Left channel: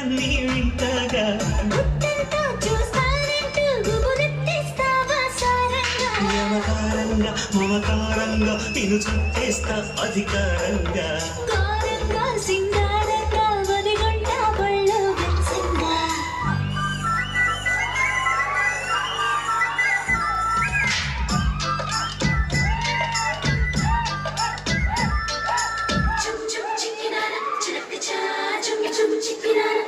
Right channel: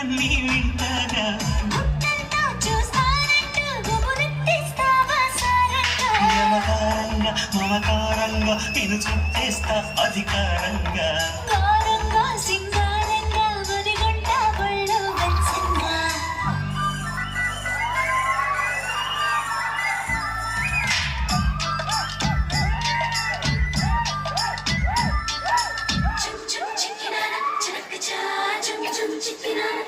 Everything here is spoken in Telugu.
గుట్టన్నీ వింతగా గుట్టంతా చూస్తానంటూ గుబులెత్తేస్తావా సారంగా వ్యవహారంగా మమకారంగా నిన్ను చుట్టేస్తా అధికారంగా కారంగా సింగారంగా ఒదిగొండ ఒళ్ళు వెచ్చంగా చుమ్ చుమ్ చిక్కినానా చిలక చా చుమ్ చుమ్ చిక్కినానా